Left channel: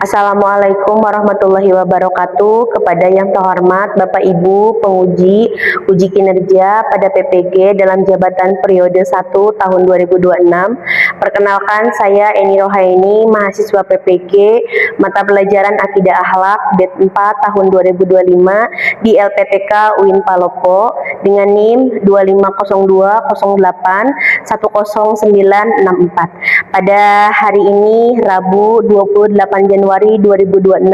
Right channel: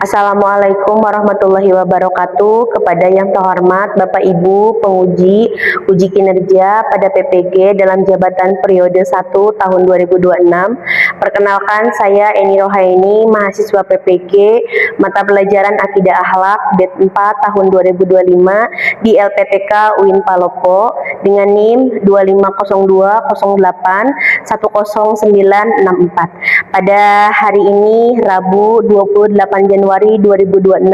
Assalamualaikum warahmatullahi wabarakatuh. Kepada yang terhormat Bapak Ibu penguji uji kinerja pada PPG dalam jabatan periode 1 tahun 2026. Perkenalkan, saya Eni Rohaini, mahasiswa PPG mata pelajaran Akidah Akhlak BED 4 tahun 2025 di LPTK UIN Palopo dengan NIM 2502081094. Pada hari ini Rabu 28 Januari 2026,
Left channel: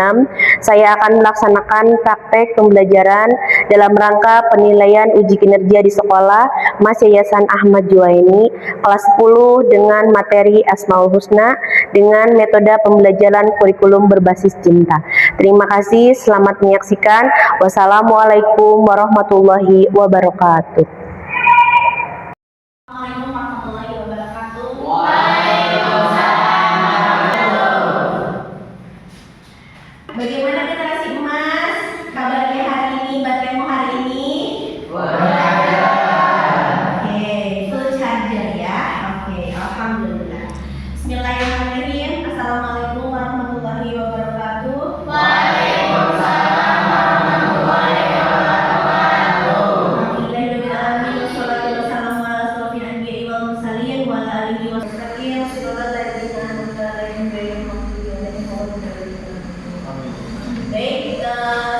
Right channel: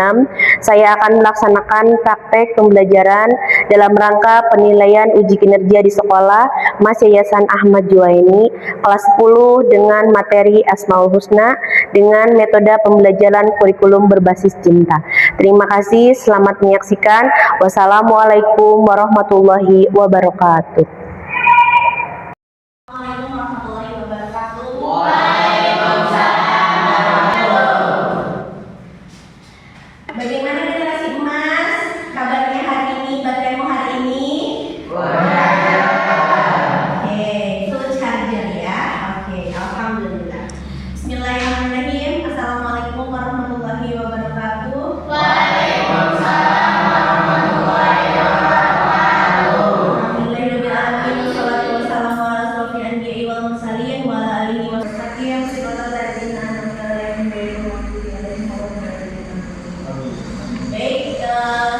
saya akan melaksanakan praktek pembelajaran dalam rangka penilaian uji kinerja di sekolah Mas Yayasan Ahmad Juwaini kelas 10 dengan materi Asmaul Husna dengan metode pembelajaran kurikulum berbasis cinta. Terima kasih, selamat menyaksikan. Wassalamualaikum warahmatullahi wabarakatuh. Bagaimana generasi emas? Kabarnya hari ini, bateraimu hari ini? Oke, full charger ya. Oke, alhamdulillah. Bismillahirrahmanirrahim. Assalamualaikum warahmatullahi wabarakatuh. Waalaikumsalam warahmatullahi wabarakatuh. Alhamdulillahirrahmanirrahim. Wassalatu wassalamu ala asrofil anbiya'i wal mursalin wa ala alihi wa sahbihi sirrul ladzina an'amta alaihim ghairil maghdubi alaihim waladdallin. Baik,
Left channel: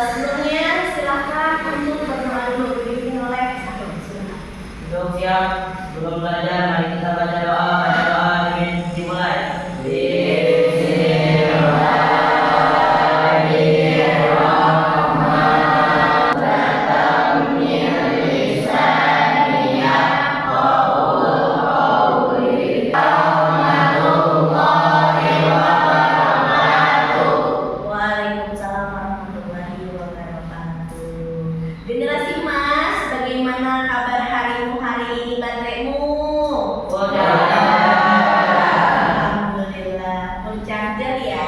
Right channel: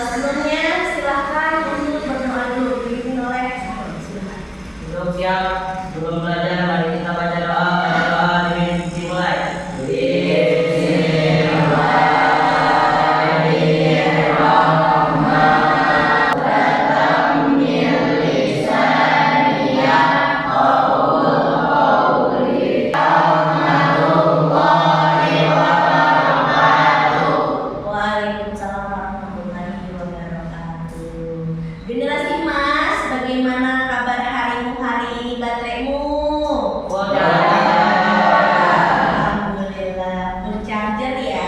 sebelumnya silahkan untuk berdoa dulu. Dipimpin oleh silakan. Belum siap, belum belajar, mari kita baca doa. Baca doa dimulai. Waalaikumsalam warahmatullahi wabarakatuh. Generasi emas, bagaimana kabar harimu hari ini, bateraimu? Alhamdulillah, full charger ya?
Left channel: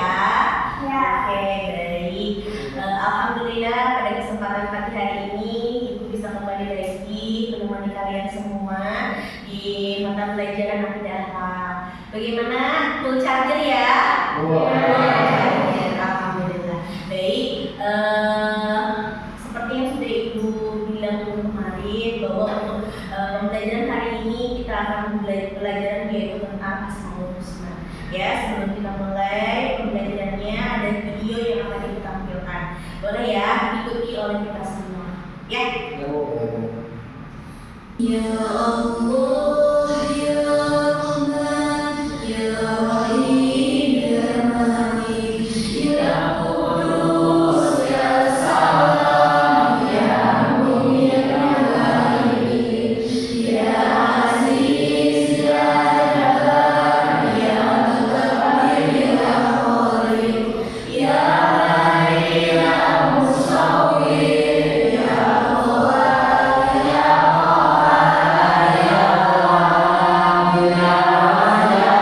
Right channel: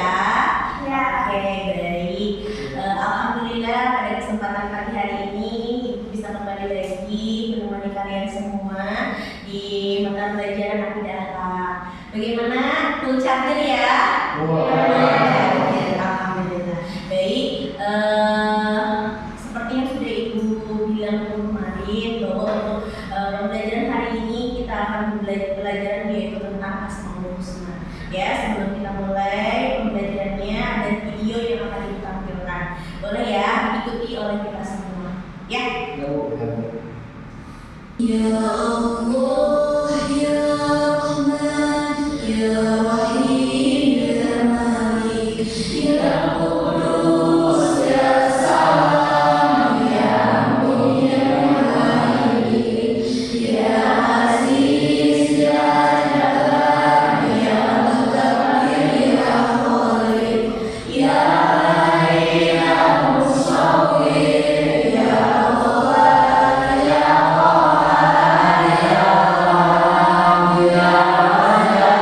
Ya. Oke, baik. Alhamdulillah pada kesempatan pagi hari ini Ibu bisa kembali lagi menemani kalian semua di mata pelajaran Akidah Akhlak. Bagaimana? Full charger ya? Full charger, alhamdulillah. Baik, seperti yang sudah Ibu bilang kemarin bahwa untuk pembelajaran hari ini kita akan belajar yaitu tentang Asmaul Husna. Ya, sebelum kita mulai pembelajarannya ada video yang akan ditampilkan. Boleh ya, ikuti oleh kita semua. Ya. Ya Allah, ya Rahman, ya Rahim, ya Malik, ya Qudus, ya Salam, ya Mu'min, ya Muhaimin, ya Aziz, ya Jabbar, ya Mutakabbir, ya Khalid, ya Bari, ya Musawwir, ya Ghafar, ya Qahhar, ya Wahhab, ya Raja,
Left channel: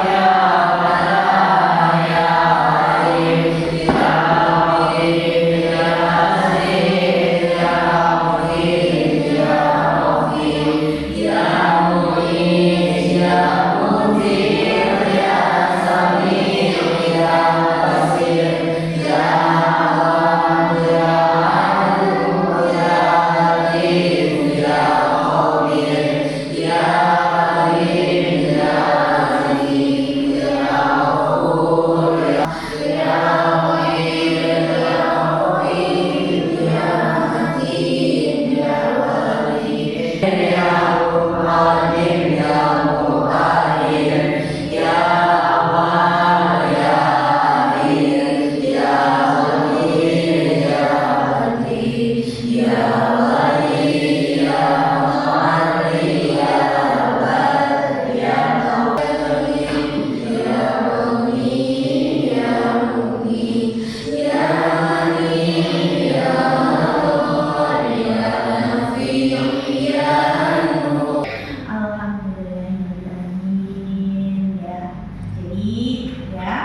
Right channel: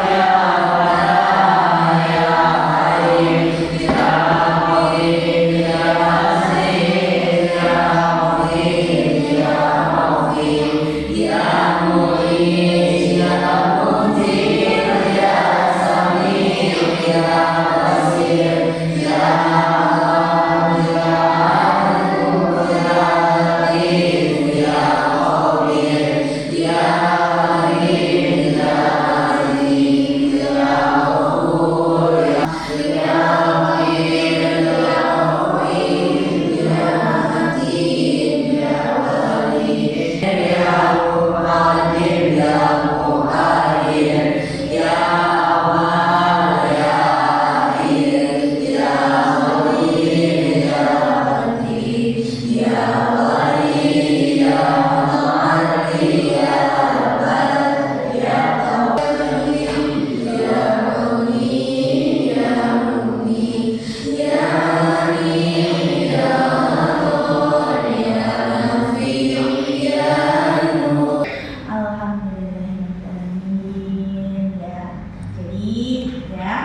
ya Fattah, ya Alim, ya Hakim, ya Aziz, ya Hakim, ya Hakim, ya Mu'in, ya Munzir, ya Sami', ya Basir, ya Alam, ya Alim, ya Latif, ya Khabir, ya Karim, ya Aziz, ya Ghafur, ya Rahim, ya Mu'in, ya Matin, ya Wali, ya Muqaddim, ya Muqaddir, ya Awwal, ya Akhir, ya Qadir, ya Qadir, ya Wali, ya Mu'alli, ya Rabbal, ya Tawwabin, ya Mu'min, ya Mu'min, ya Amin, ya Ghafur, ya Nafi, ya Nur. Alhamdulillahirrahmanirrahim. Ya, jadi ya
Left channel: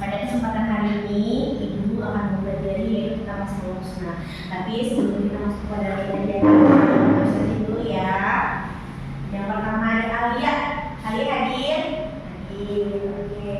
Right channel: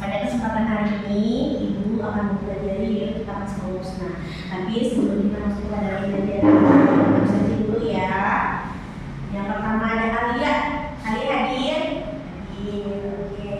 pada kesempatan hari ini Ibu akan mempelajari yaitu tentang Asmaul Husna. Tapi sebelum kita masuk pada pelajaran, kita sedih dulu ya. Yang pertama ada Alia. Alia hadir? Hadir, oke.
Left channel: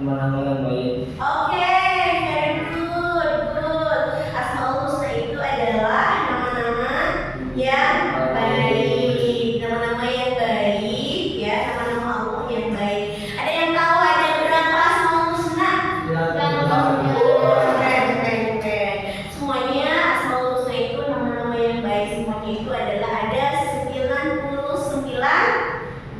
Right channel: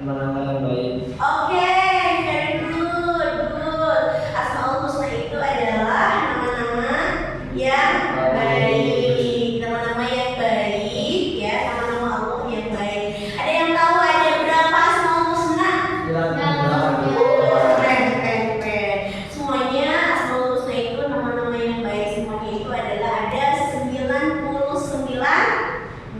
nama-nama yang baik. Oke, very good, good. Asmaul Husna itu adalah nama-nama yang baik, nama-nama yang baik, ya, nama-nama Allah yang baik. Ada yang tahu ada berapa Asmaul Husna? Keren, keren, keren. Semuanya Asmaul Husna itu nama-nama yang baik. Semuanya itu adalah ada 99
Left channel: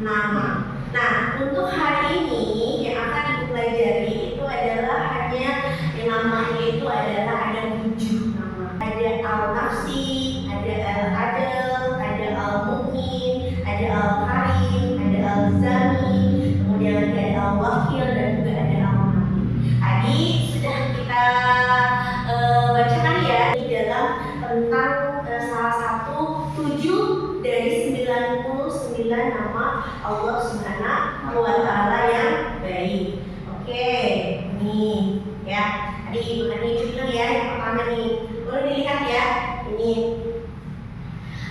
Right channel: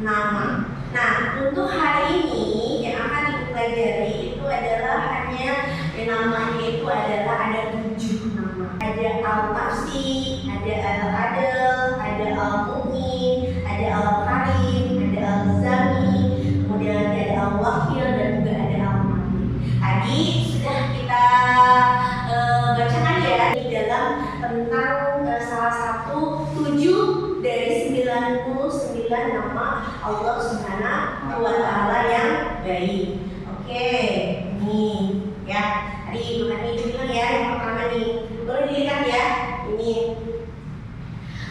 nama. Nah, untuk hari ini yang akan Ibu pelajari itu adalah hanya namanya itu adalah ada 7 nama. Ada Al-Nafsi, ada Al-Adil, ada Al-Mu'min, ada Al-Karim, ada Al-Zami, kemudian ada Al-Wakil dan juga ada Al-Mati. Tadi sudah kita bacakan ya di dalam tentang salah satu 7 dari 99 nama Allah Subhanahu wa Ta'ala yang baik. Oke, ini ya. Tadi bukan ini dulu ya, yang pertama nih. Boleh dilihat ya. Ini.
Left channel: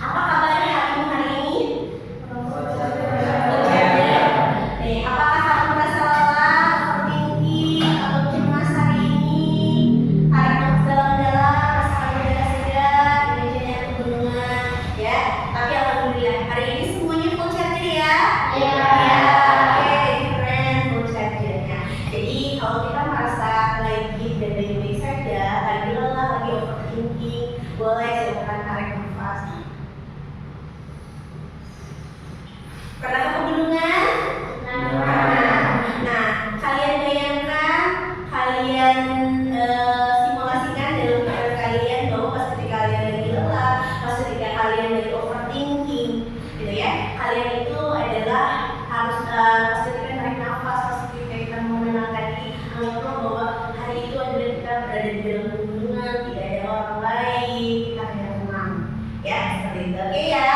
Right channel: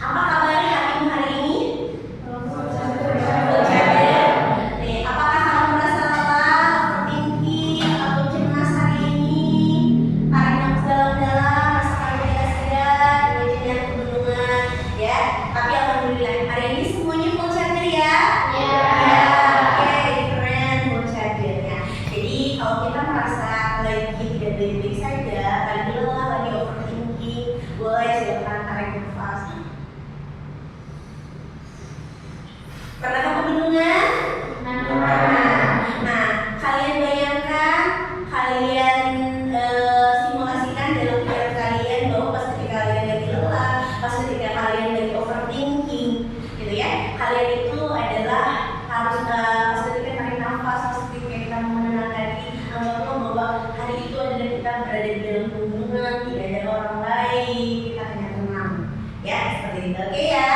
Apa kabar hatimu hari ini? Nih, apakah kamu merasa lelah, overthinking, atau cemas hari ini? Tarik nafas dalam-dalam, rasakan segar-segar, imajinasi pegunungan, ya. Tapi alhamdulillah hari ini semuanya full charger ya. Ya, oke, keren, full charger ya. Jadi kalau kita merasa lagi tidak baik-baik saja, lagi lelah, lagi overthinking, boleh silakan tarik nafas. Pernah ke pegunungan? Nah, kalian bayangkan, kalian simulasikan dalam pikiran kalian bahwa pas ketika kalian lagi lelah, pas ketika kalian lagi overthinking, gitu ya, kalian itu adalah harus pas ketika tarik nafas, pas ketika kita menenangkan diri, anggaplah bahwa hari itu adalah kita berada di dalam pegunungan, tidak ada orang lain, kita hanya tenang, ya seperti itu, oke ya,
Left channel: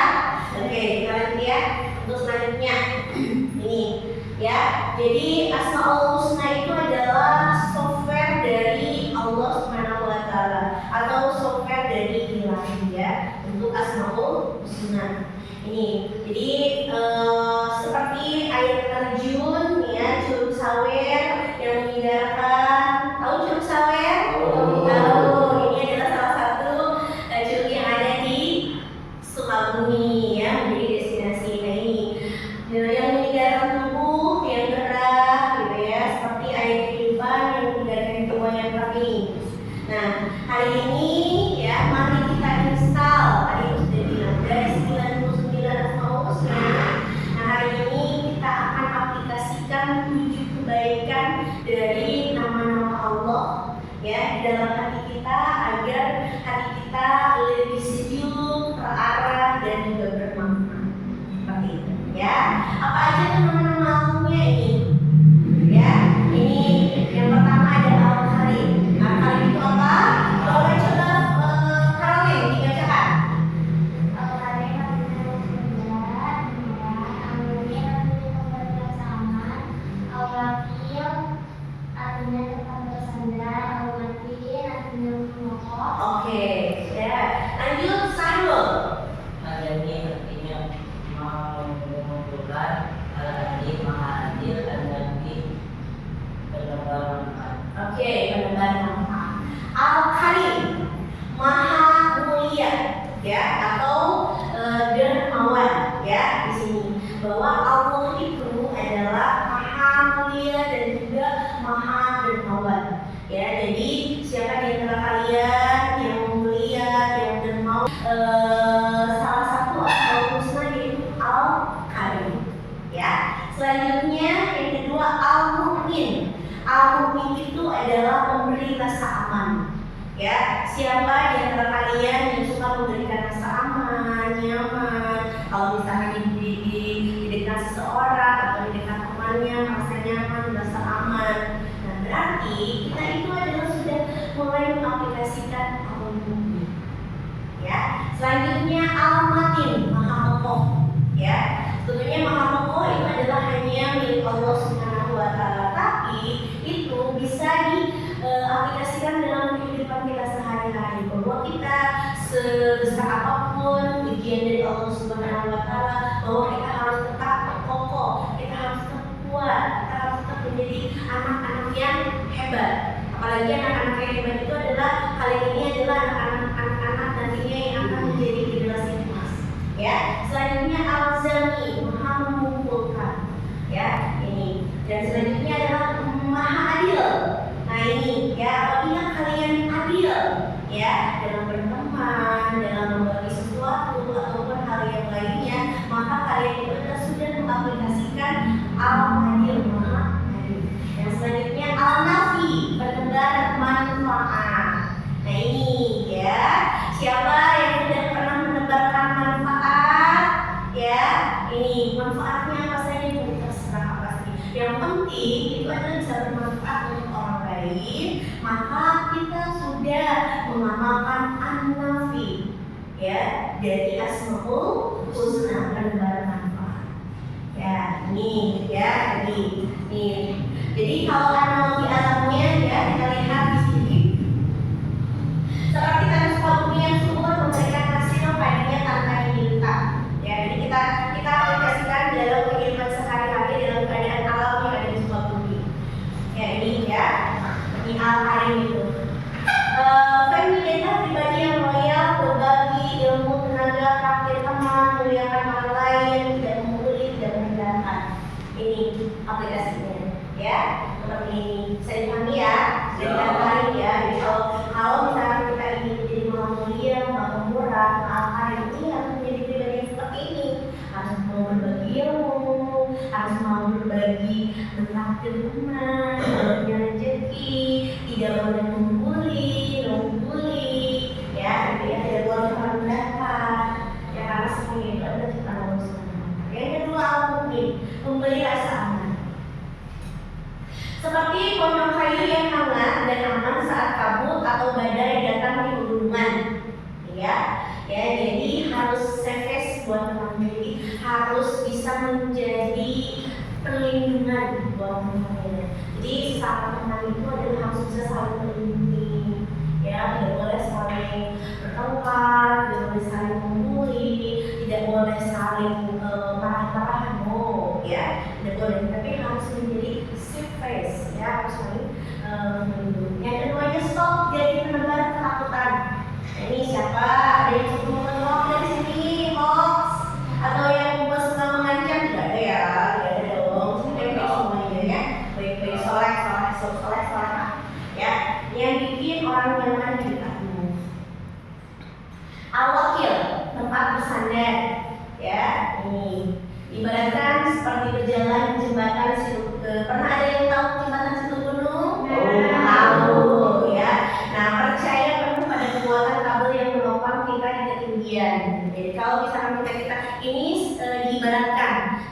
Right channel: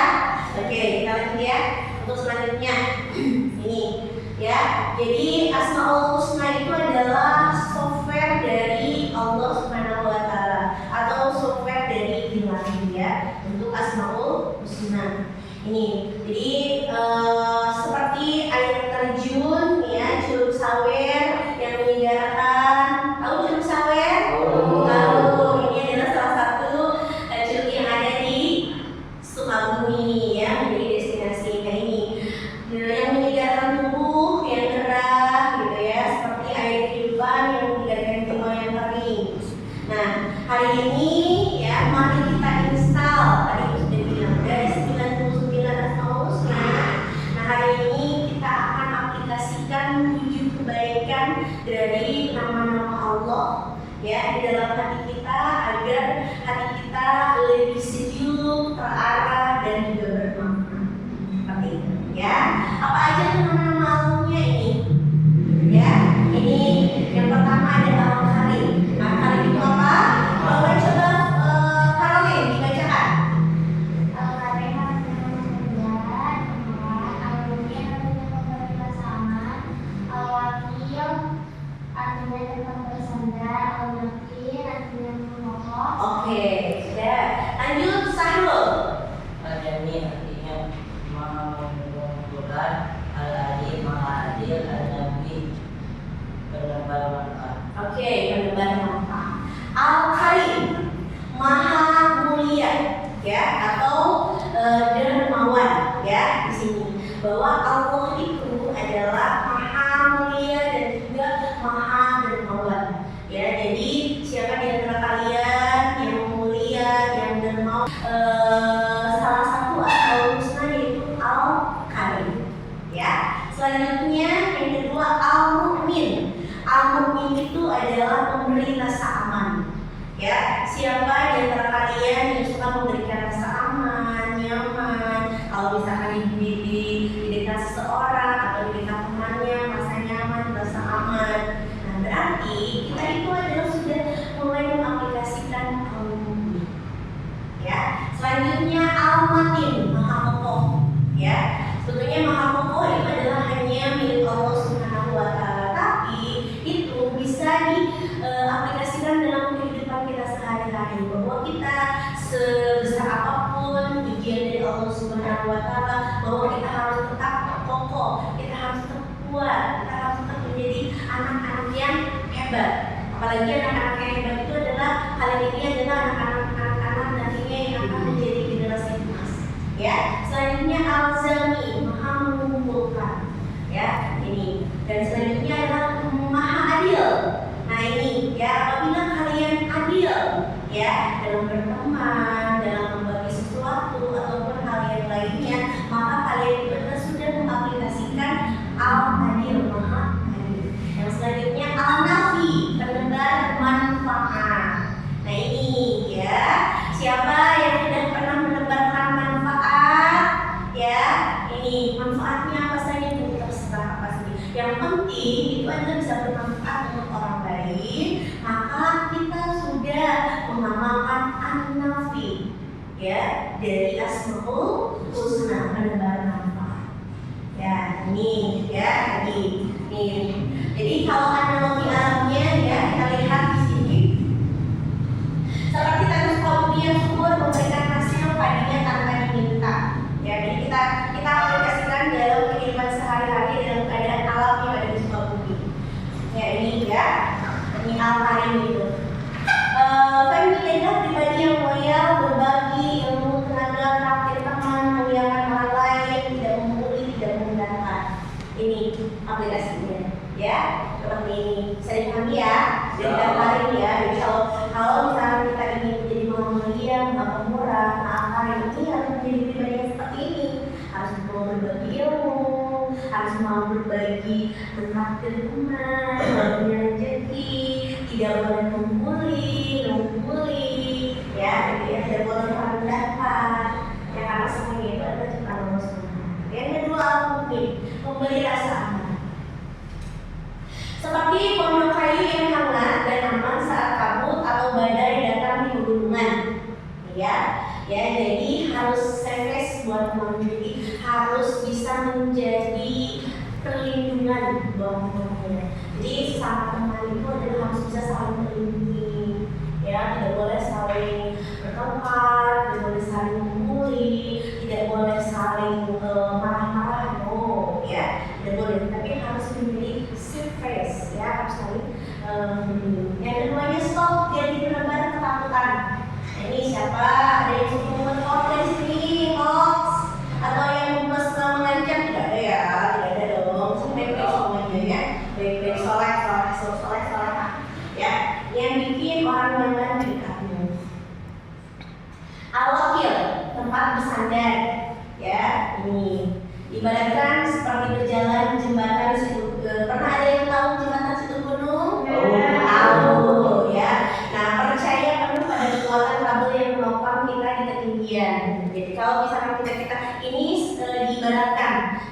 oke kita lanjut ya. Untuk selanjutnya ini ya, jadi Asmaul Husna itu adalah software dari Allah Subhanahu wa Ta'ala atau software dari Ilahi ya, untuk Asmaul Husna ini. Jadi seperti air terjun ya, Curug Sawer yang menyegarkan. Tahu Curug Sawer? Tahu. Ini adalah salah satu curug yang ada di Sukabumi ya, menjadi destinasi. Nah ini yang menyegarkan tubuh yang gerah gitu ya, seperti air kehidupan yang menyegarkan jiwa yang kering. Nah hari ini ya, mari kita install, tadi aku sudah bilang dari 99 Asmaul Husna. Nah hari ini kita akan aplikasikan 7 kebaikan dari nama-nama Allah ya di dalam hati kita, agar hati kita lebih sejuk, terarah dan juga bermanfaat. Seperti itu ya. Apa aja tuh nama-nama Allahnya ini? Ya, ini yang pertama ada Al-Karim. Al-Karim itu apa? Boleh coba Caroline dibacakan. Al-Karim artinya kemudahan, Al-Mu'min artinya kebersamaan, Al-Wakil artinya tempat bersandar, Al-Matin artinya mengokoh. Oke, sudah. Lanjut Sahrul. Al-Jami artinya Maha mengumpulkan, Al-Adil Maha adil, Al-Nabi penebar manfaat. Oke, penebar manfaat. Al-Karim, Maha mulia ya, atau dermawan ya di sini. Bahwa Allah itu adalah Maha mulia dan juga Maha dermawan. Ya, jadi siapa di antara kalian yang mulia, yang dermawan, salah satu Asmaul Husna yaitu Al-Karim. Ya. Selanjutnya yang kedua Al-Mu'min. Al-Mu'min itu adalah pemberi rasa aman. Ya, siapa di antara kalian yang suka memberikan rasa aman, nyaman? Kalau misalkan di dekat seseorang atau di dekat temannya, merasa nyaman, merasa aman. Nah, berarti kita itu adalah sudah mulai mengaplikasikan Al-Mu'min. Ya, selanjutnya Al-Matin, Maha Kokoh. Ya, sebetulnya Maha Kokoh itu adalah hanya milik Allah Subhanahu wa Ta'ala, tapi itu bisa diaplikasikan dalam kehidupan kita sehari-hari, bahwa kita sebesar apapun ujian dari Allah Subhanahu wa Ta'ala, bahwa kita harus tetap kokoh, kita harus tetap kuat, kita harus tetap menjadi anak-anak hebat. Apalagi anak-anak yang hebat itu adalah kalian ini adalah anak-anak nantinya yang akan menjadi generasi emas. Ya, selanjutnya al-zami, maha mengumpulkan. Ya, ini. Dan selanjutnya adalah maha adil. Nah ini, ya apabila kalian adil, ya dalam berteman, dalam membagi sesuatu ataupun hal yang lainnya, maka kalian itu adalah sudah mengaplikasikan al-adil, maha adil. Yang selanjutnya al-nafi, penebar manfaat. Nah ini, ya siapa yang tidak pernah menebarkan manfaat, ya ini manfaatnya apa saja Bu? Terserah apa saja. Yang penting itu adalah bisa bermanfaat untuk orang lain, maka kita sudah mengamalkan an-nafi, ya dari asmaul husna, penebar manfaat. Ya ini, ya ini. Jadi kalau analogi alamnya, ya kita lihat di sini. Seperti tanah Sukabumi yang subur memberikan hasil padinya tanpa diminta. Ya, jadi kita aplikasikan dalam kehidupan sehari-hari dalam keadaan alam yang ada di Sukabumi. Ya ini ya, ini al-karim itu. Femi adalah pribadi yang loyal, berbagi ilmu, tenaga, traktir teman, memuliakan orang lain, tidak membuli, tidak menghilangkan. Ini aplikasinya, ya seperti ini. Saya dipahami ya, hari ya. Jadi kalau misalnya kita ingin menjadi orang mulia, orang pemurah, akan ini harus menjadi pribadi yang seperti ini. Harus mau berbagi ilmu, harus mau berbagi traktir teman, punya rezeki, tidak boleh membuli, ya, jadi tidak boleh merendahkan, ya karena semuanya itu adalah ciptaan Allah SWT. Yang kedua al-mu'min, memberi rasa aman. Seperti pondok kayu yang hangat dan aman saat kabut atau badai datang di pegunungan, ya jadi harus safe buat teman, jadi harus bisa menjadi perlindungan buat teman. Jadi saat teman itu adalah harus bisa saling melindungi, ya tidak boleh saling bertengkar, tidak boleh saling membuli, tidak boleh saling marah-marah, no, ya tidak boleh, tapi harus menjadi safe face, ya harus saling melindungi. Yang keduanya stop jadi penebar ketakutan. Nah, ini siapa? Ada yang suka membuat hoax dari sini, hoax atau yang membuat suka mengancam? Tidak ada ya, tidak ada dong. Baik-baik semuanya ya, baik-baik soleh, ya yang bikin orang nyaman di dekatmu. Al-wakil, tempat bersandar, ya ini ibaratkan seperti berjalan di jembatan situ. Pernah ada yang tahu jembatan situ gunung? Tahu, ya. Nah percaya penuh pada kekuatan kabel yang menopang kita di ketinggian. Jadi kalau misalnya kita ini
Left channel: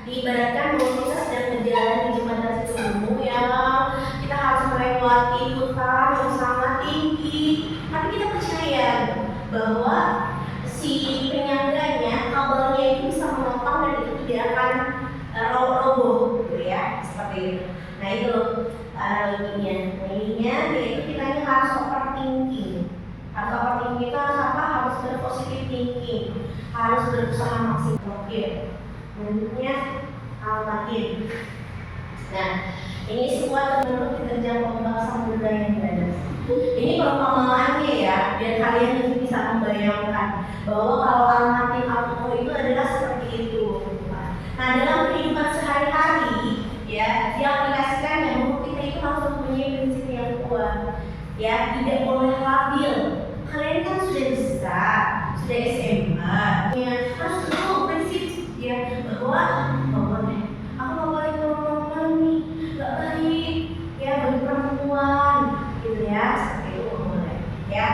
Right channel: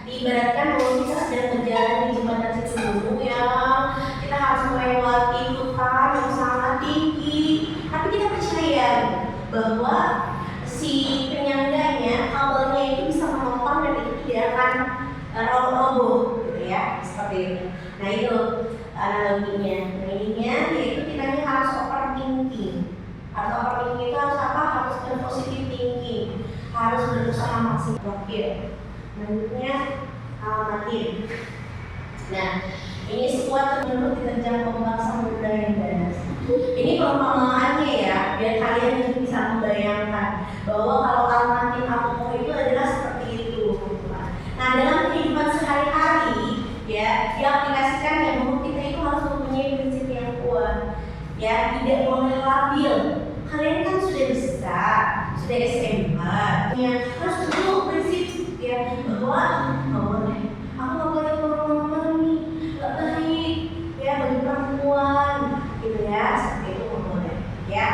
diibaratkan bahwa kita sedang berjalan di jembatan situ gunung, ya kita harus melewati hutan yang sangat tinggi, tapi kita percaya bahwa si penyangganya kabelnya itu bisa menopang dan itu tidak akan roboh, gitu ya, seperti itu. Nah itu analoginya. Yaitu kita ini harus overthinking. Harus overthinking itu harus apa? Harus berpositif thinking, harus berusaha maksimal. Menurutnya al-matin. Nah ini sebuah menurut diterjang ombak samudra yang ganas. Ini perumpamaannya ya, biar kalian juga bisa membayangkan bahwa kalau al-matin al-koh itu adalah seperti itu. Nah dalam kehidupan sehari-hari, ya diaplikasikan yang kita itu harus mempunyai prinsip yang kuat, ya tidak boleh labil. Kalian kan sudah besar, sudah SMA, ya harus tahu prinsip ya bahwa nggak boleh, aku nggak boleh ngomong nih, nggak baik, ya bagi perempuan, gitu ya, seperti itu nggak boleh, ya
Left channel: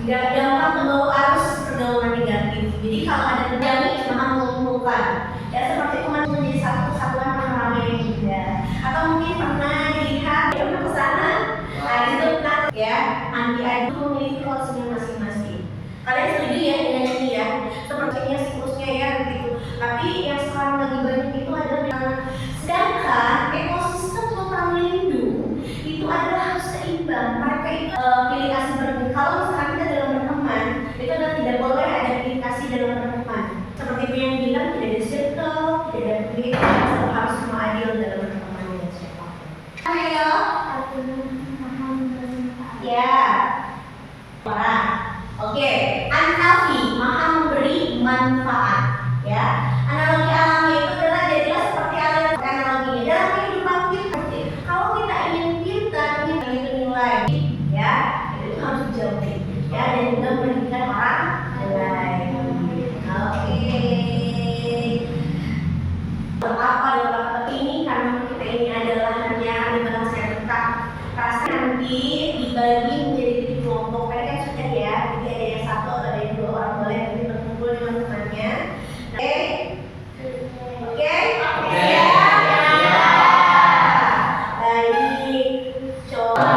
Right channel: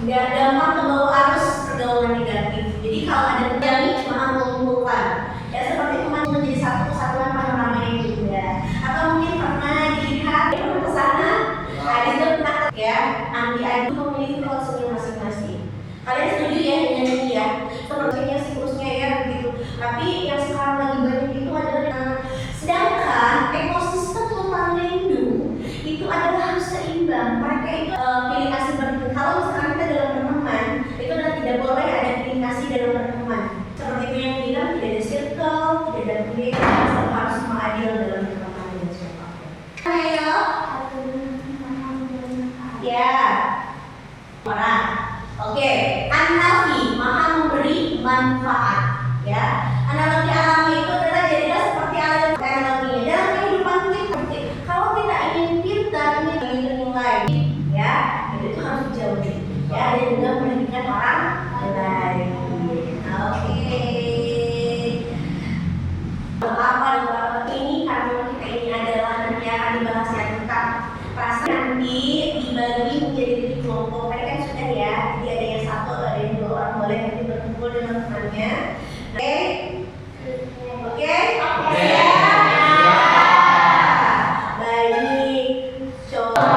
nggak gampang membawa arus pergaulan negatif. Jadi kalau ada terjadi maha mengumpulkan, ya seperti kemarin menjadi satu kesatuan ramai juga, atau mungkin pernah dilihat pernah kesana, nah itu tentang ya anti adu memiliki konsumen masing-masing. Kalian setuju ya dengan ini ya? Sepertinya siklusnya ya begitu. Tapi yang sekarang lagi banyak itu adalah sedangkan ekosistem hutan lindung itu adalah harus seimbang. Mereka itu pilih kasih berteman. Kalau misalkan kita dalam berteman, itu adalah tidak boleh ada pilih kasih dalam berteman. Seperti itu yang bilang tidak ada circle, tidak ada pilih, harus semua adil dalam berteman dengan siapapun. Ayo. bermanfaat. Ya, analogi alamnya itu adalah jadilah seperti alam analoginya dalam kehidupan kita. Kalau kita ingin pintar, ingin nilai, ya, itu harus dijauhi. Ya, dan juga merugikan orang lain. Oke. Betapa dan betapa ini karena kita ini adalah nanti akan dibahas yang tentang rasa nanti dibagi menjadi 3 kelompok. Tadi kan sudah ya, jadi ada yang 1 atau ada yang 2 orang boleh nanti berkumpul dengan temannya. Oke, oke, baik. Coba.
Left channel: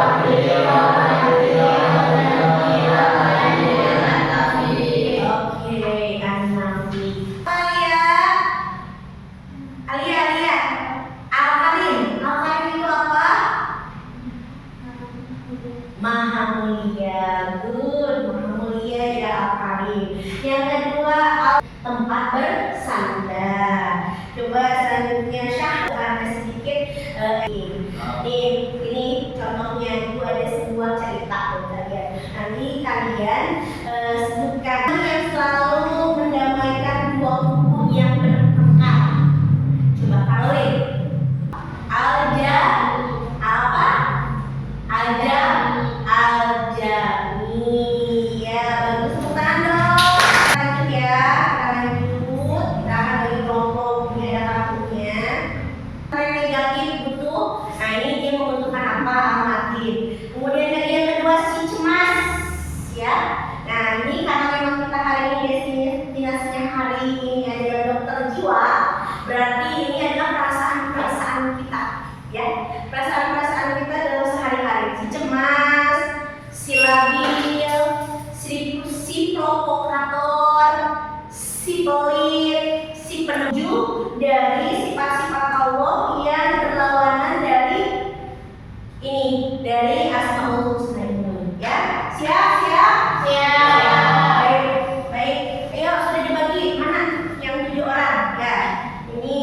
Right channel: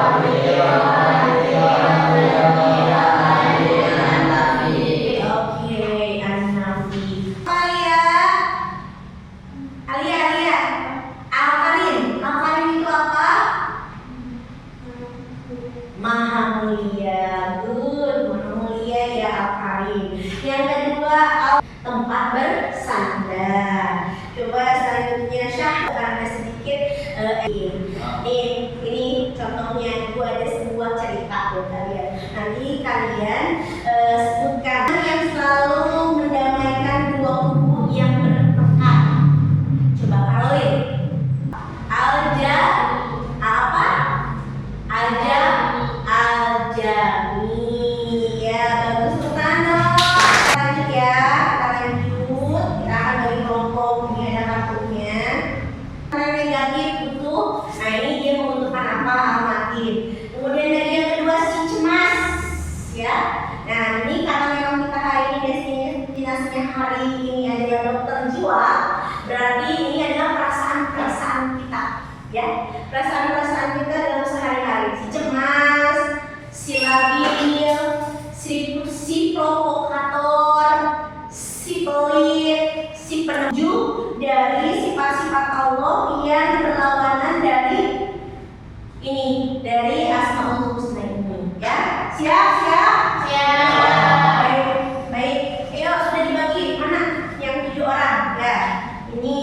Maha mulia, good, maha mulia ya Al-Karim. Yang kedua, tempat bersandar. Coba selanjutnya Syah, karena sedikit ini contohnya itu ada sebuah cerita buat kalian. Nanti kalian sebutkan yang selalu mendamaikan 2 kubu yang bertengkar. Coba kalian. Alja apa? Alja Aljami, ya bagus tepuk tangan dong. Lanjut ya, kita lanjut. Kita akan bagi kelompok, ini ada kartunya. Yang negatif itu, nah ini dia membutuhkan apa? Amatin. Kemudian lagi yang kedua si cemas, ya. Nah ini karena memang kita hari ini destinasinya hari ini adalah dokter jiwa, berarti ini adalah perasaan-perasaan kita, ya. Perasaan-perasaan kita dalam sehari-hari. Si cemas, si labil, si provokator, si pelit, si penuju dari sifat-sifat Allah yang berlawanan dari ini, dari Asmaul Husna ini. Ya, siap? Baik, baik. Ayo sudah dibagi mana yang 7 orang? Ya, ini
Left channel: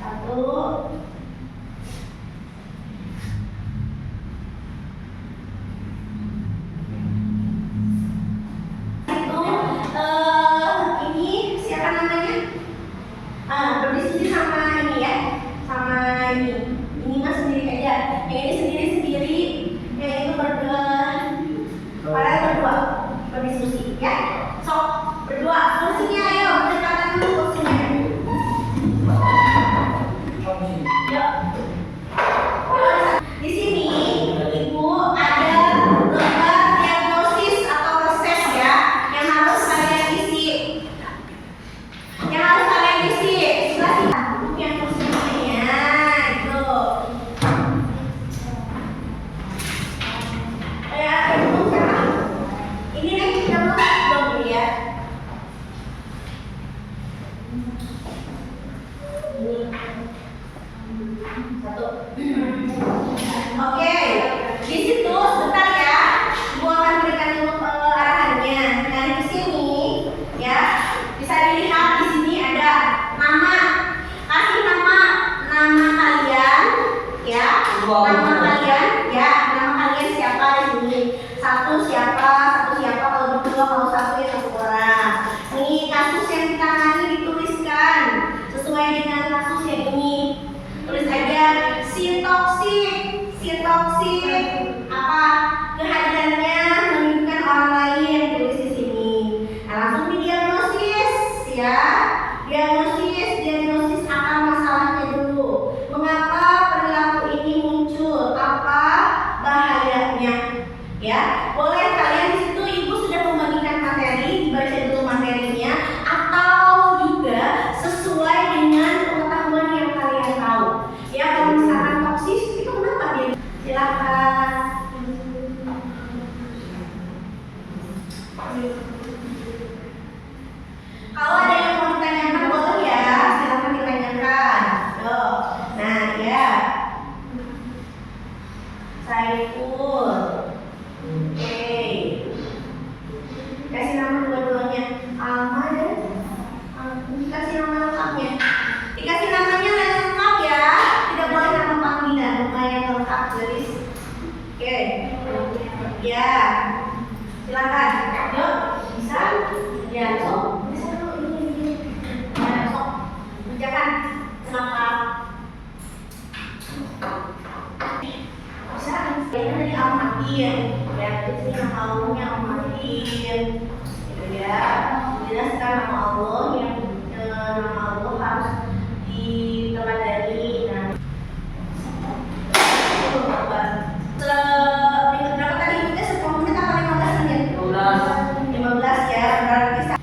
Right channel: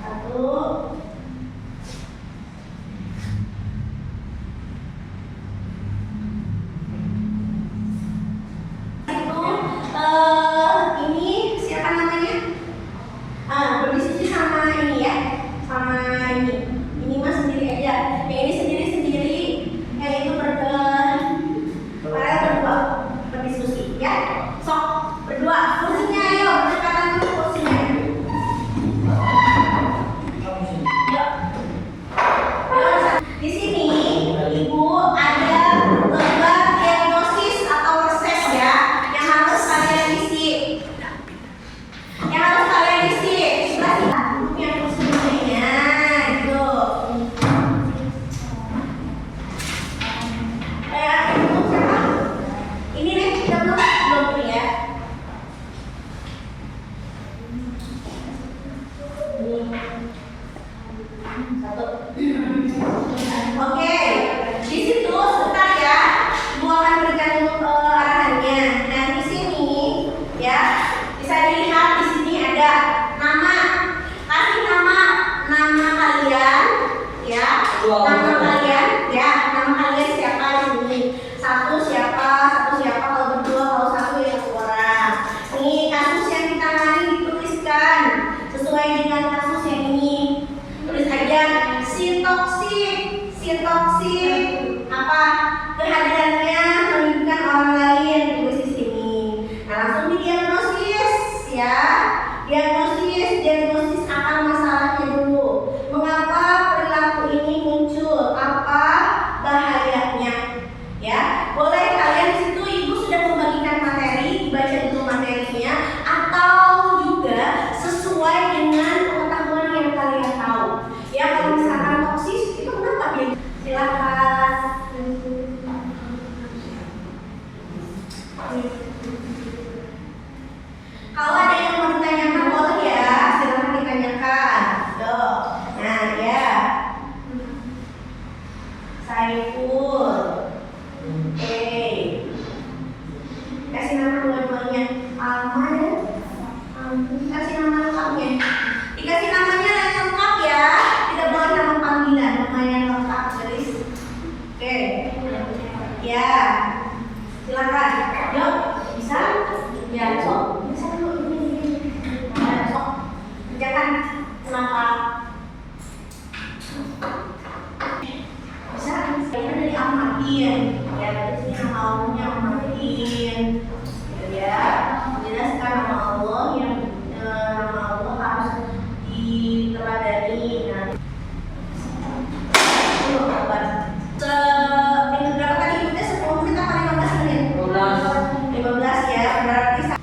1. Ini siapa namanya? Berdiskusi sama ini ya, sama ini mas sendiri aja. Yang ini sendiri, yang itu kalian berdua berdiskusi ya. Sok berdua, kursinya ayo berdekatan dulu kursinya. Yuk. Di sini ibu ada lembar diagnosis atau reses ya, yang harus kalian isi. Sebelah sini yang kursinya itu. Itu siapa? Ini nih kita belum ya. Satu. Oke, di situ sebentar ya. Ibu akan berikan arahannya. Dan di sini ya bisa dilihat di sini ada nama. Kasih nama kalian ya. Nama kalian siapa di sini? Satu siapa kalau berdua, kalau 1 ya 1 orang. Ini kasus yang kita tangani dituliskan sesuai dengan kasus yang ini. Tulis aja si toksik apa kehadirannya menunjukkan orang lain, tulis di sini. Nah, langsung didiagnosis ya. Diagnosis akar masalahnya dulu. Mengapa perilaku ini muncul? Apa bahayanya? Ya, boleh kalian di situ ibu sudah membagikan materi, dibaca dulu materinya atau juga sesuai dengan pengetahuan yang kalian tahu. Ya, kalau misalkan toksis itu kenapa dia? Silakan. Kalau ada yang mau ditanyakan boleh ya, silakan ditanyakan. Tuh. Nah, ya. Saiful. Oke. Kasih nama dua-duanya. Alma dan kasih nama lengkapnya. Dikasih namanya lengkap ya. Tidak boleh nama panggilan, namanya lengkap. Jadi oke. Ya. Silakan. Yuk, bisa? Ya, so. Bisa dulu ini. kan? Kenapa? Bisa kan? Dari amatin. Ya, di sini yang maunya amatin. Gitu ya. Jelaskan nama Allah yang nama Allah harus diteladani. Nah, itu obat. Berapa tadi? Kita 10 menit apa 15 menit? 15 ya, berarti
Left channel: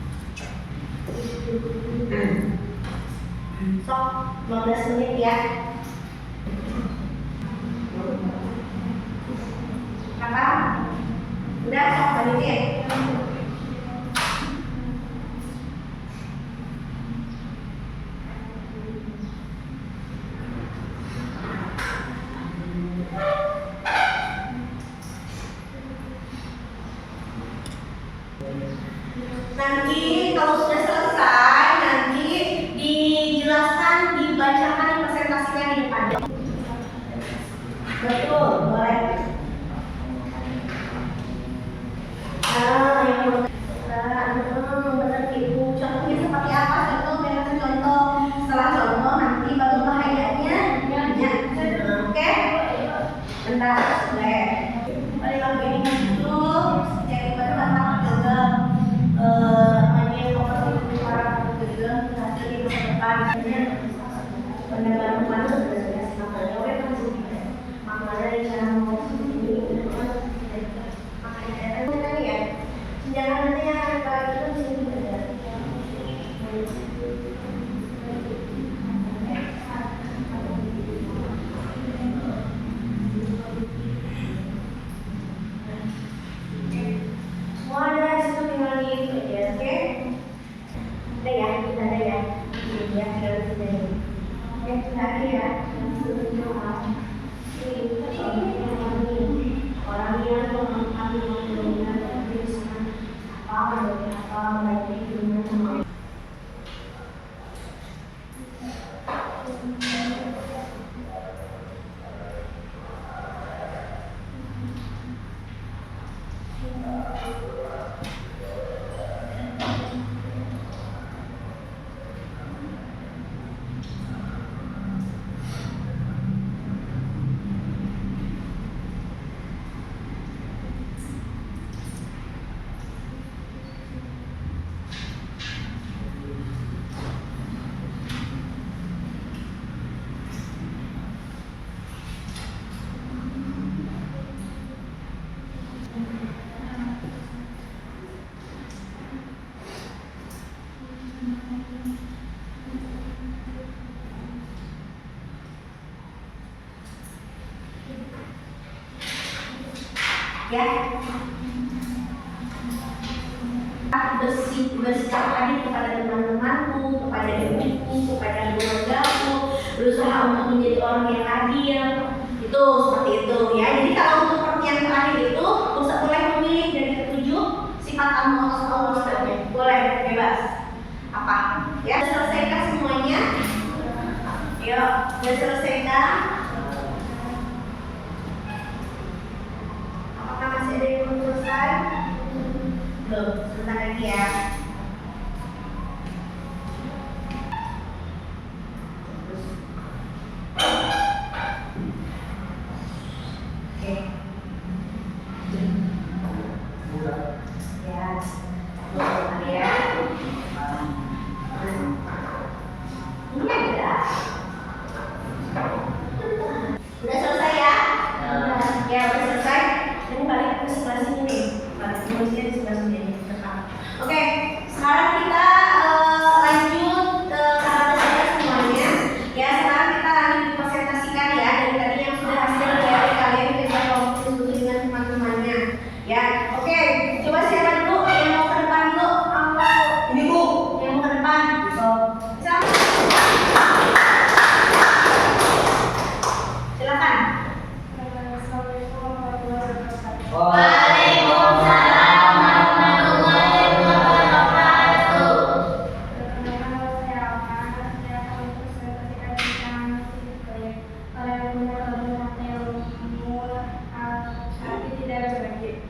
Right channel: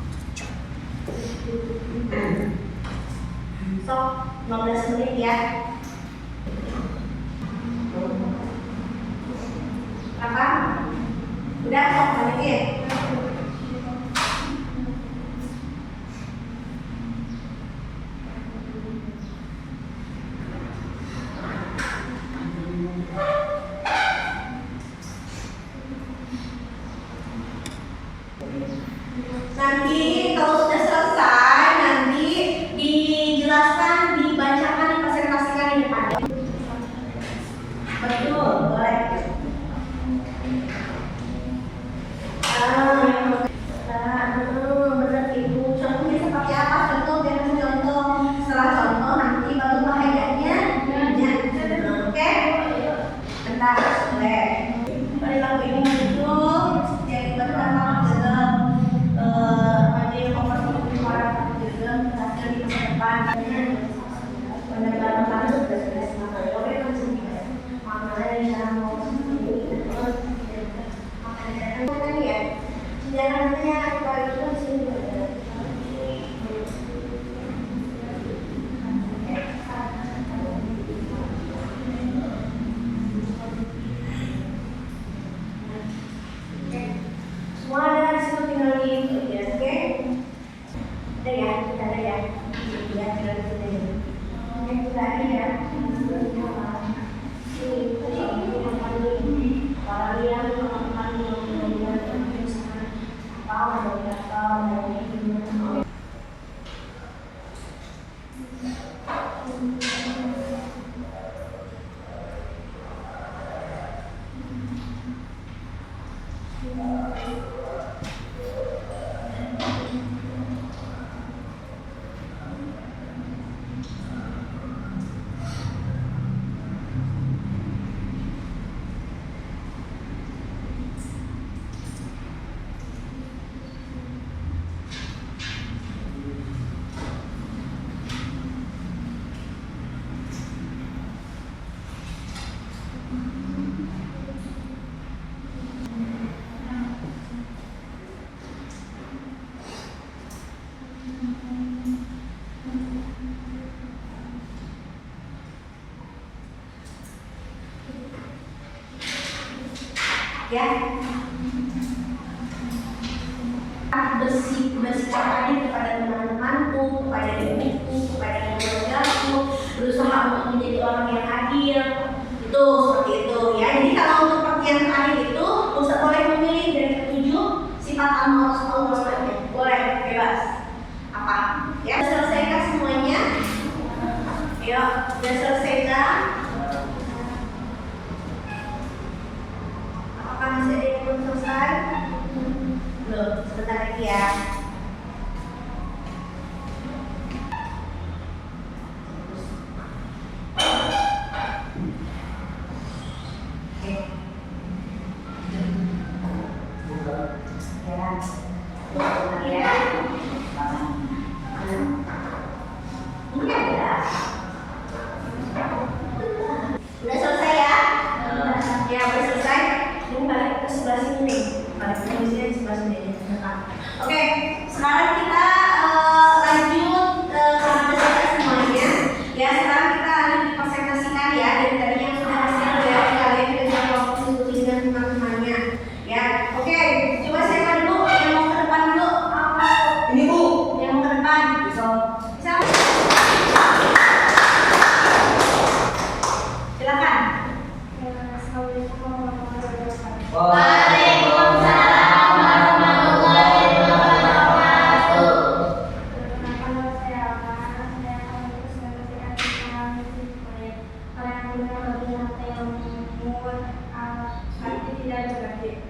sok 15 menit ya. Apa? Udah sok menit ya? Nanti kalau sudah selesai, nanti dijelaskan, dibacakan, dipresentasikan di depan. Betul, boleh. Benar itu. Contohnya seperti apa? Contoh, biar kasih contoh. Setelah contoh, nanti baru bahayanya. Oke? Bentar, boleh. Kembali lagu ini muncul. Jadi baru datang ke orang gegem hasil di masa depan. Pendekatan mana sudah semakin oke kan sih makanya dari cara mau makanya ini ya jangan nanti yang kalau kita di sini juga semua ada di situ tinggal gitu ya, oke? Ada ya, kita ada ya, ya tinggal di sini. Oke, sudah ada ya. Ya, bersikap adil kepada teman-temanku, kepada ibuku, kepada keluargaku, berusaha untuk menjadi orang yang adil. Itu seperti itu ya. Jadi kalau untuk pertanyaan adil itu Ustaz boleh memilih dari 7 sifat Allah Ustaznya. Boleh, bebas. Apa? Ya, selesaikan semuanya. Yuk, sudah selesaikan. Masih ada yang belum selesai? Belum, sebentar lagi ya. Oke. Ya. Bentar ya. Ini ada. Udah selesai ya? Ya, udah selesai. Ini balik ke sebelah sini nih, balik ke sini di sebelah sini. Oke, sekarang kita lanjut karena sudah selesai semuanya. Ya, sekarang kita lanjut dipresentasikan ya dari tadi yang sudah hasil dari kalian kerja waktu itu dengan teman-temannya. Ya, oke. Coba siapa dulu yang mau ke depan dulu? Ini Bu, yang mau ke depan. Siapa? Silakan. Waalaikumsalam warahmatullahi wabarakatuh. Perkenalkan saya Alma, saya akan mempresentasikan tentang proyek orang muda berguna ilmu arti tidak berbagi.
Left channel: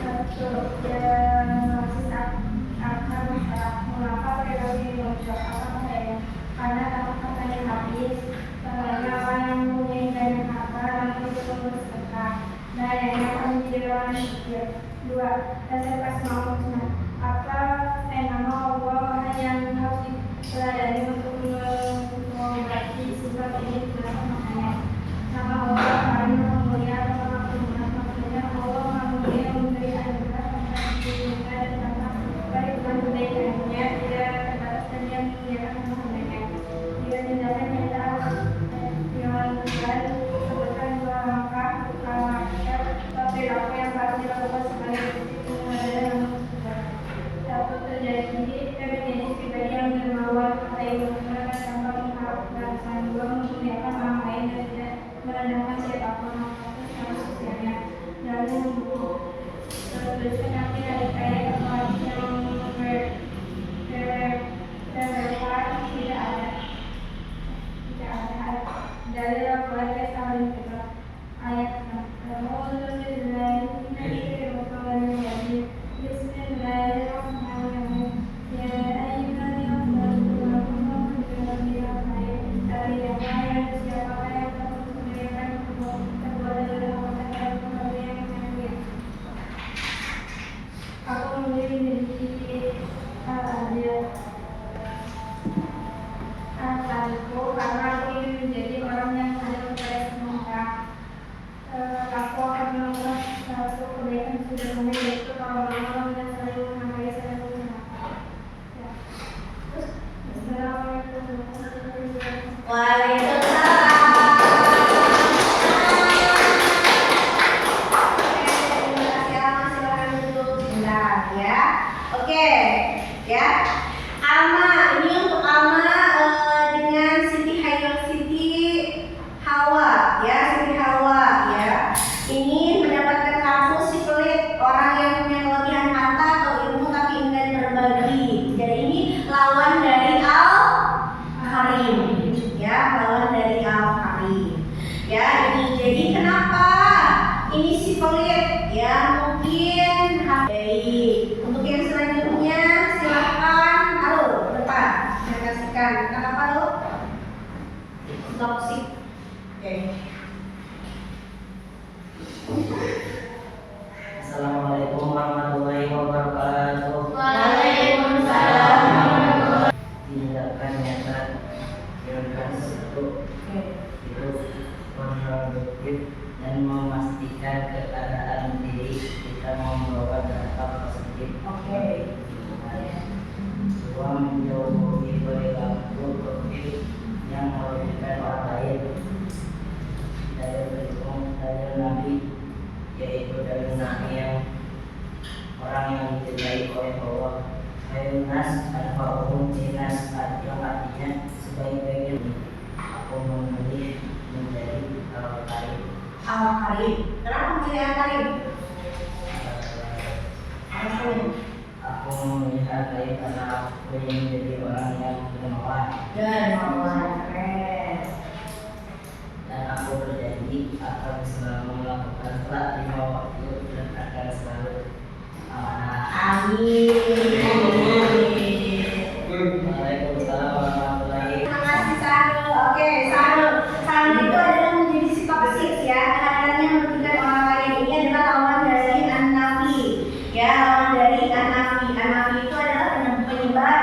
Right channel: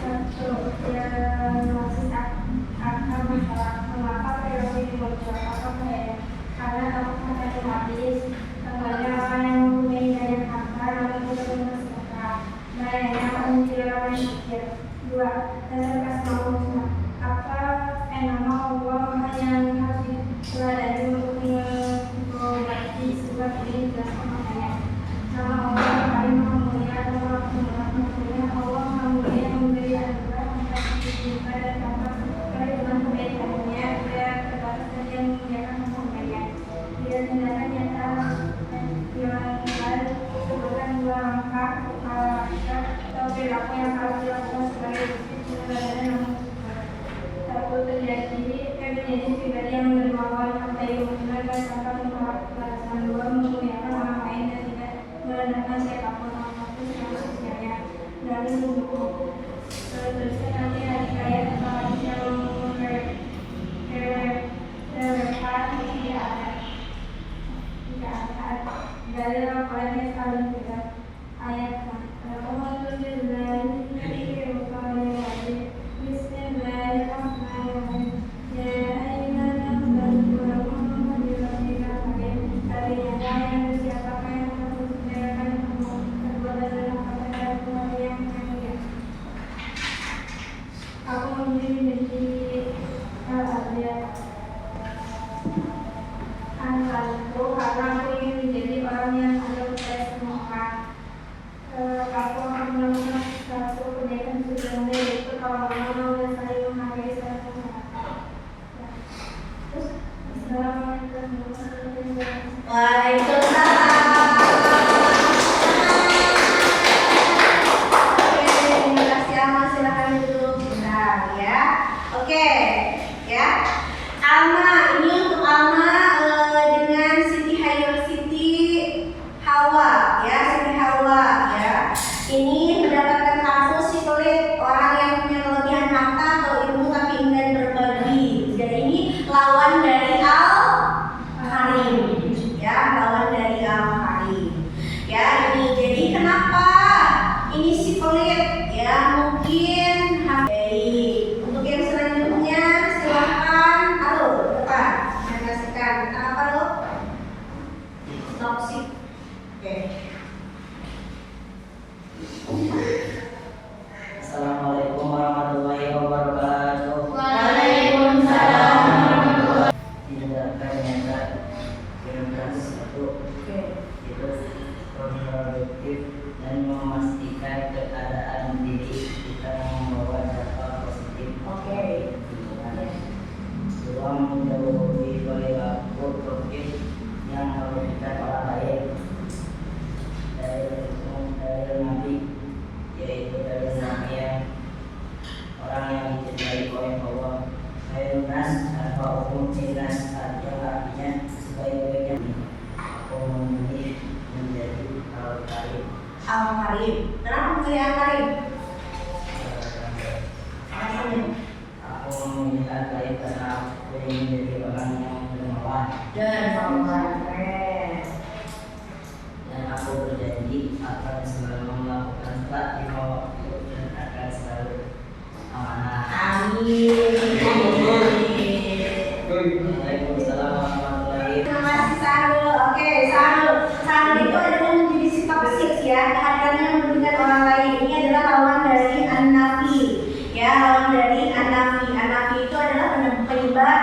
Satu, yang masih akan masalah mengapa periode ini muncul. tinggalnya nunggu. Teruskan nanti hari kaya atau hari yang relevan tidak ada. Dari laporannya saling kita ayat Aku memilih menjadi Al-Adil karena aku ingin menjadi orang yang adil kepada semua orang. Aku akan melakukan satu kebaikan sederhana yaitu kalau menolong dan saling menghargai satu sama lain. Terus, Assalamualaikum warahmatullahi wabarakatuh. Waalaikumsalam. Oke, terima kasih Alma. Silakan duduk sebentar ya. Oke, ya. Alma, ini untuk Alma dengan Siti Hawa, ya, Siti Hawa, ya. Ini mendapatkan kartu si pelit, orang yang punya kelebihan harta atau ilmu tapi enggan berbagi. Dan ini lawan dari Al-Karim, ya, lawan dari Al-Karim. Ya, ini jadi kenapa ini si pelit? Ya, mungkin baik. Untuk yang selanjutnya silahkan, halo, depan, saya kasihkan. Kenapa lo? Toxic. Oke. Assalamualaikum warahmatullahi wabarakatuh. Waalaikumsalam. Tindakan nyata yang satu Oke. itu produktif dan memastikan keadaan diri kita membawa dampak positif. Oke. Dua, menjauhi perilaku produktif yang merugikan orang lain. Dari Nabi, yaitu dari Nabi yang orang yang dicintai oleh Allah. Nas anfa'uhum linnas, yang artinya sebaik-baiknya. Aku memilih menjadi Al-Karim. Al-Karim. Kenapa memilih Al-Karim? Alasannya? Aku memilih Al-Karim karena aku ingin menjadi orang yang dermawan. Keren. Dan aku berjanji akan selalu melakukan sholat lima waktu dan akan selalu amanah. Amin. Waalaikumsalam warahmatullahi. Terima kasih Sarul. Oke, Sarul itu adalah menjadi sikap toksik ya, kehadirannya merugikan orang lain. Ini adalah lawan dari An-Nafi. Ya, lawan dari An-Nafi. An-Nafi itu adalah penebar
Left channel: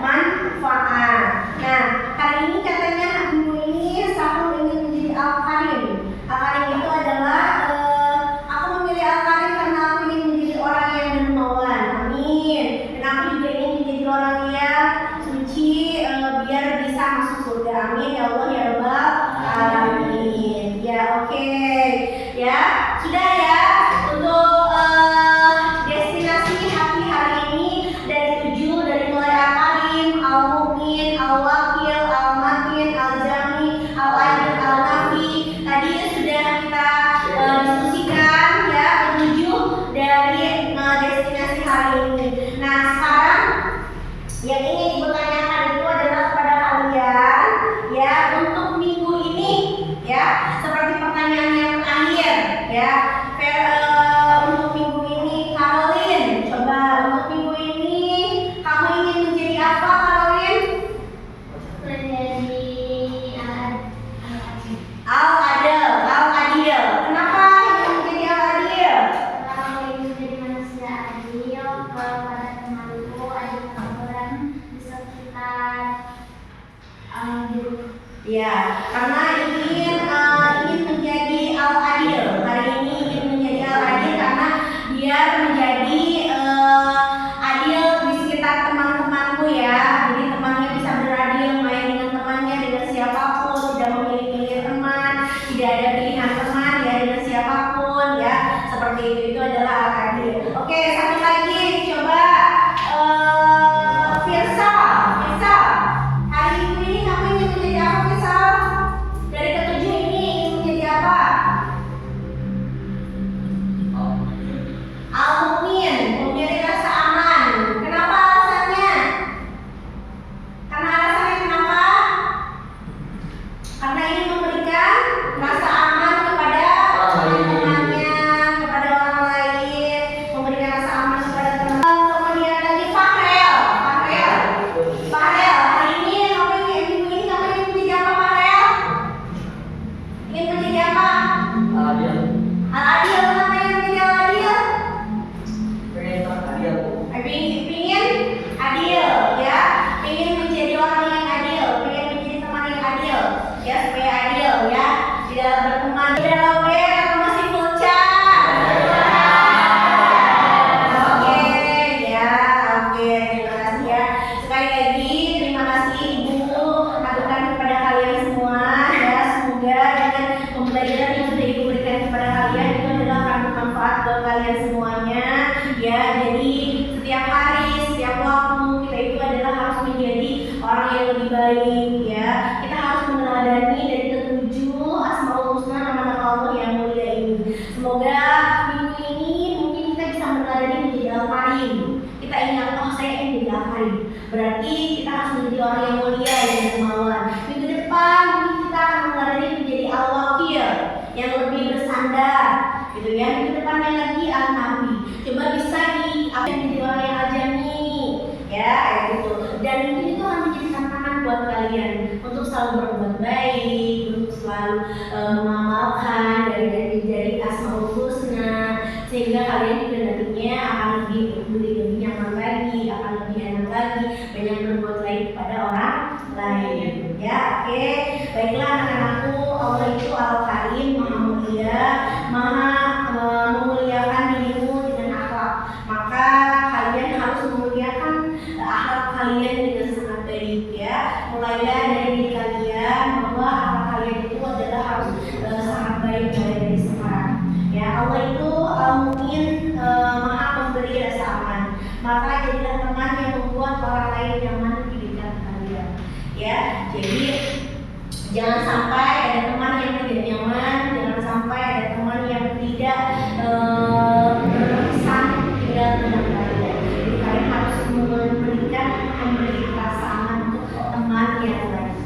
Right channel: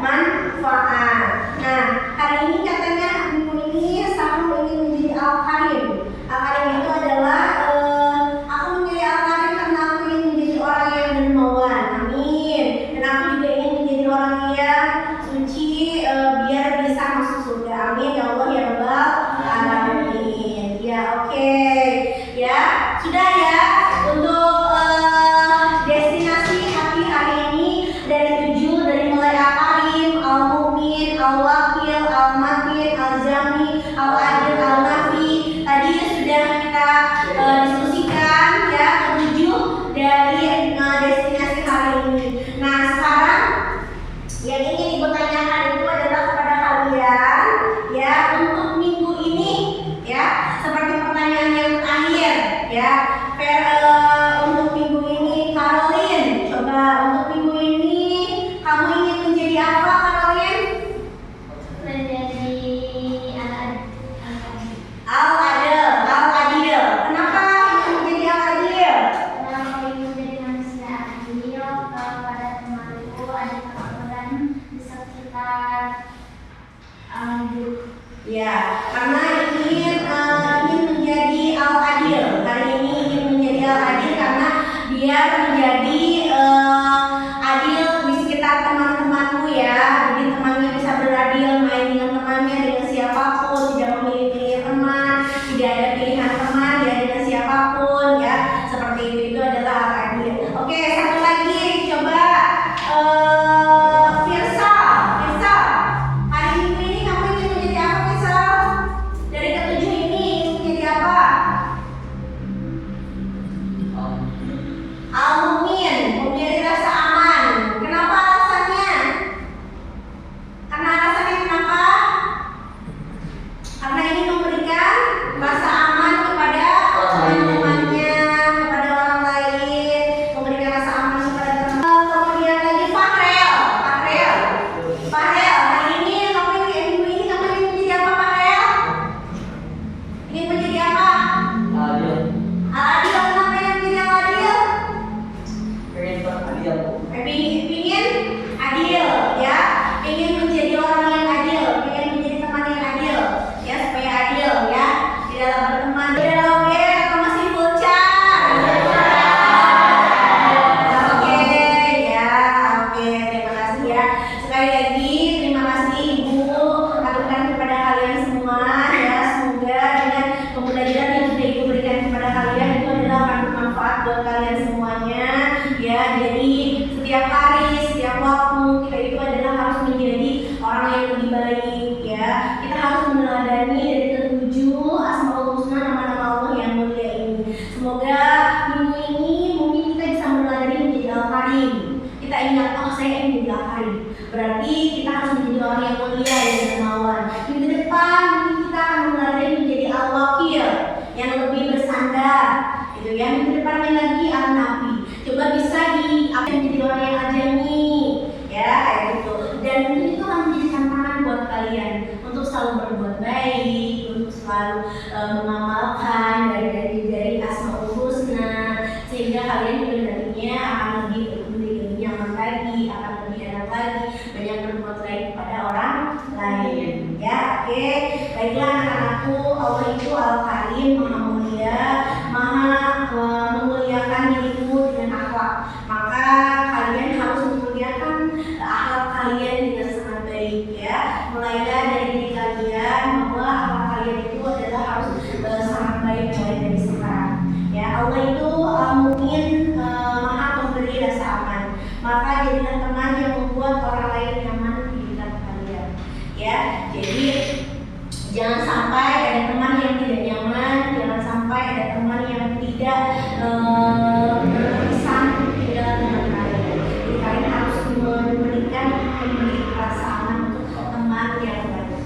manfaat. Nah, hari ini katanya minggu ini Sarul ingin menjadi Al-Karim. Al-Karim itu adalah aku memilih Al-Karim karena aku ingin menjadi orang yang dermawan. Amin. Dan aku juga ingin menjadi orang yang suci biar bisa masuk surga. Amin ya Allah ya Rabbal alamin. Ya, oke. Ya, sudah ya untuk destinasi hati hari ini dari 7, dari mulai Al-Karim, Al-Mu'min, Al-Wakil, Al-Matin, Al-Jami, Al-Adil, Al-Nafi. Tadi sudah kita diskusikan ya ke-7 dari destinasi hari ini. Nah, sekarang yang ingin ibu tanyakan itu adalah kepada kalian ya untuk minggu ini ya, seperti pertanyaan yang terakhir ya. Untuk minggu ini Caroline, coba untuk minggu ini kamu ingin menjadi apa Caroline? Menjadi Al-Adil. Kenapa ingin menjadi Al-Adil? Kalau ingin menjadi manusia adil, kalau pada temanku ada kekhawatiran di sekitar Ya, karena ingin menjadi Al-Adil. Hari ini ingin menjadi Al-Adil karena biar menjadi adil di sekitar teman-temanmu ya. Jadi temannya bisa beradil, main dengan temannya, dengan siapapun, tidak memilih-milih teman, tidak ada pilihan teman ya, dengan siapapun ya. Seperti itu adalah Al-Adil. Oke, satu lagi coba Firsa. Hari minggu ini kamu ingin menjadi apa Firsa? Dari ke-7 ini ingin menjadi apa? Ingin menjadi apa? Adil. Al-adil. Kenapa ingin menjadi al-adil? Pengen adil, Bu. Pingin adil, ya. Ingin menjadi orang yang adil, ingin menjadi teman yang adil, ya, supaya adil, ya, di dalam berteman. Di dalam atau masih bocah? Oke, ya, oke, terima kasih ya. Sekali lagi terima kasih Ibu aturkan kepada kalian semua, ya. Semoga dengan pembelajaran yang sudah Ibu berikan kepada kalian itu adalah akan bermanfaat buat kalian semuanya, ya. Jadi setiap hari, setiap waktu kita itu adalah harus menjadi orang yang lebih baik, ya. Kita harus meneladani dari ketujuh Asmaul Husna, nama-nama Allah yang mulia ini. Semoga minggu ini mungkin kita bisa meneladani menjadi Al-Karim. Kita ingat, oh saya ingin menjadi Al-Karim. Berarti kita harus menjadi orang yang mulia, yang dermawan. Minggu depan mungkin kita akan meneladani menjadi Al-Wakil, yang lebih bersandar, gitu ya. Minggu depannya lagi Al-Nabi. Coba bisa menjadi orang yang ajami, ya, kayak gitu. Dan mungkin itu akan menjadi tantangan buat kalian untuk selalu berbuat baik, untuk selalu mengamalkan dari Asmaul Husna, sehingga kalian juga nantinya akan lebih nyaman lagi, akan lebih enak lagi, banyak berbuat baik kepada orang lain, ya. Oke, baiklah anak-anakku, Allah itu Al-Karim, Maha Mulia, Maha memuliakan dirimu dengan akhlak. Maka kalian harus memuliakan akhlak kalian dengan sangat baik, ya. Mulailah dari diri kalian bahwa akhlak kalian itu adalah harus sangat baik mulai dari sekarang, ya. Allah itu mungkin Maha pemberi rasa aman. Maka jadilah teman yang membuat orang lain nyaman di dekat kalian, ya. Jadi jangan sampai ada teman yang tidak nyaman, jangan sampai ada teman yang tidak berkesan tinggal dengan kalian. Jadi kalian harus memberi rasa aman untuk teman yang lainnya.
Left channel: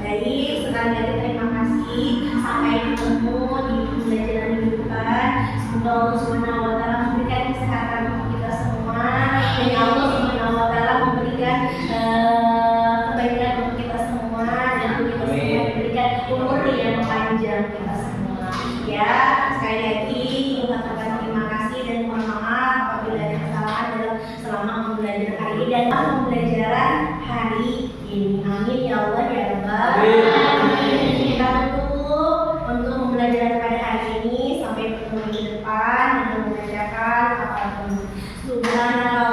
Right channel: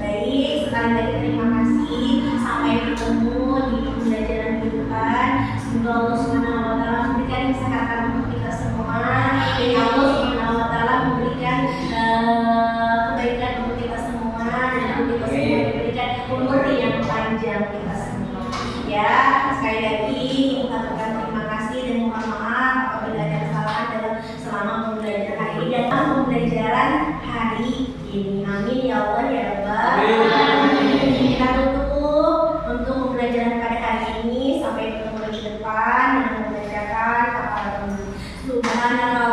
Baik, sekali lagi terima kasih. Sampai ketemu di pembelajaran minggu depan. Semoga Allah Subhanahu wa Ta'ala memberikan kesehatan untuk kita semua. Dan Allah Subhanahu wa Ta'ala memberikan kebaikan untuk kita semua, dan untuk kita semua diberikan umur yang panjang kita semua, ya. Sekali lagi Ibu katakan terima kasih dan mohon maaf apabila ada kesalahan selama pembelajaran hari ini dan pembelajaran hari ini. Amin ya Allah ya Rabbal alamin. Kita tutup untuk pembelajaran pada hari ini sampai ketemu di depan dengan mengucapkan Subhanallah